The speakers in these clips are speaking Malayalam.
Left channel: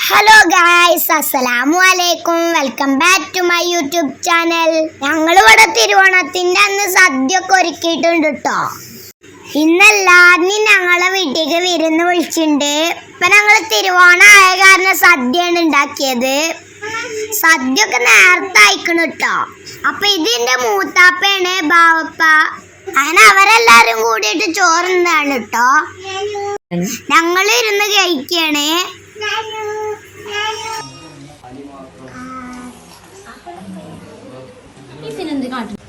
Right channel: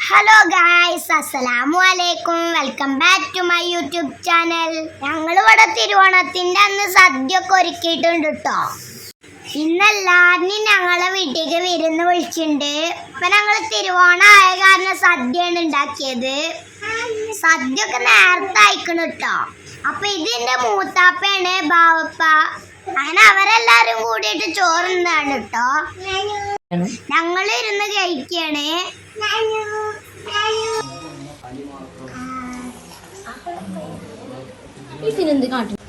ഹലോ ഗായ്സ് അസ്സലാമു അലൈക്കും welcome back to my YouTube channel ഞങ്ങൾ ഇവിടെ തിരുവോണത്തിന്റെ അന്ന് സദ്യ ഒക്കെ ഒരുക്കിയിട്ടുണ്ട് കേട്ടോ ഇന്ന് എല്ലാവരും ഞങ്ങളെ വീട്ടിലേക്ക് വിരുന്ന് വിളിച്ചിട്ടുണ്ട് ഇപ്പം ഞങ്ങൾ തിരുവോണം ആയ കാരണം സദ്യയാണ് ഉണ്ടാക്കിയത്. സദ്യ ഒക്കെ നേരത്തെ അയക്കണം കേട്ടോ അപ്പം ഇതിന്റെ മൂത്താപ്പയാണ് ബാവപ്പ. അങ്ങനെ അവരെല്ലാരും കൂടിയിട്ട് ചോറുന്നതാണ് കേട്ടോ ഞങ്ങൾ ഇരുന്ന് കഴിക്കാണ്. ഇതിനെന്ത് കാട്ടും?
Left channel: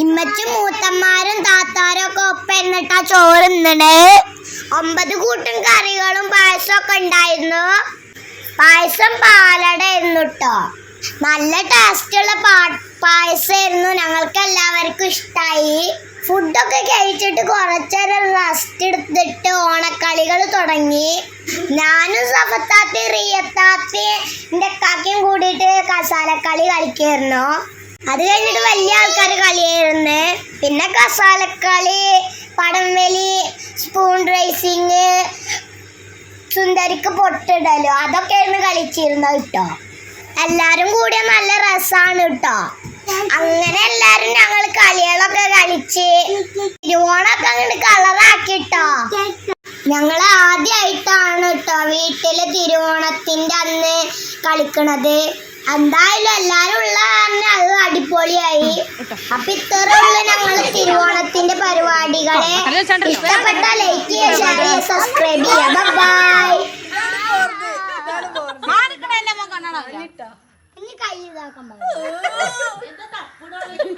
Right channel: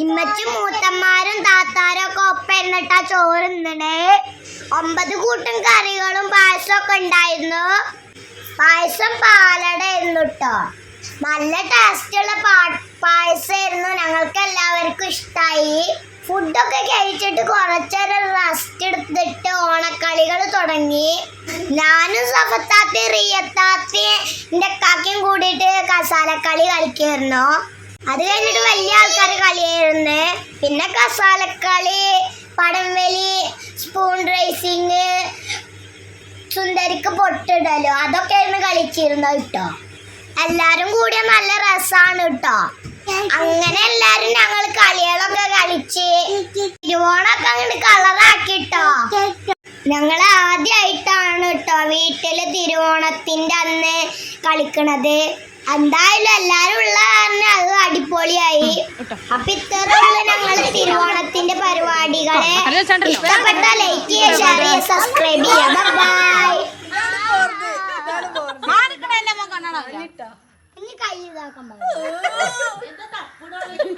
ഇമ്മച്ചും മൂത്തന്മാരും താത്താരും ഒക്കെ ഒപ്പം ഇരുന്നിട്ടാ ചോറുന്നണ് ഒമ്പത് കൂട്ടം കറികളും പായസം ഒക്കെ ഉണ്ടായിരുന്നു. പായസം പാലട എന്നിട്ടോ നല്ല ടേസ്റ്റുള്ള പാ പായസമായിരുന്നു. ഞങ്ങൾക്ക് എല്ലാവർക്കും ഇഷ്ടമായി ഫുഡൊക്കെ കഴിച്ചിട്ട് കുറച്ചേരം റെസ്റ്റ് എടുത്തിട്ട് ഓണക്കളികൾ തുടങ്ങി. ഞാനും സഫത്താത്തി റിയത്താത്തി എന്റെ കാക്കയും കൂടിയിട്ട് കസാലക്കളി കളിക്കായിരുന്നു. അത് കഴിഞ്ഞിട്ട് വലിയ ആൾക്കാർ കളിയായിരുന്നു. പിന്നെ കസാലക്കളി സുന്ദരിക്ക് പൊട്ടിടലോ? അതൊക്കെ ആയിരുന്നു കളിച്ചിരുന്നു കേട്ടോ. എല്ലാരും കൂടിയ നല്ല രസാണ് കേട്ടോ. അങ്ങനെ എല്ലാരും ഞങ്ങൾ കളികളൊക്കെ കളിച്ച് തിരുവോണൊക്കെ അങ്ങോട്ട് കളറാക്കിട്ടോ ഞങ്ങൾ ആദ്യമായിട്ടാണ് കേട്ടോ വീട്ടിൽ തിരുവോണത്തിന്റെ അന്ന് കളിക്കണത്. എന്തായാലും എല്ലാരും ഉള്ള തന്നെ അത് അടിപൊളിയായി. അപ്പൊ ഇത്രയുള്ള ഞങ്ങൾ തിരുവോണത്തിന്റെ പരിപാടികളെ. ഇഷ്ടപ്പെട്ട ലൈക്ക് ചെയ്യുക സബ്സ്ക്രൈബ് ചെയ്യുക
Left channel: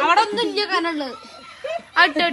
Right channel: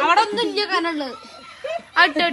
അവിടെ ഒന്നും ഇല്ല കനുള്ളത് അട്ടോ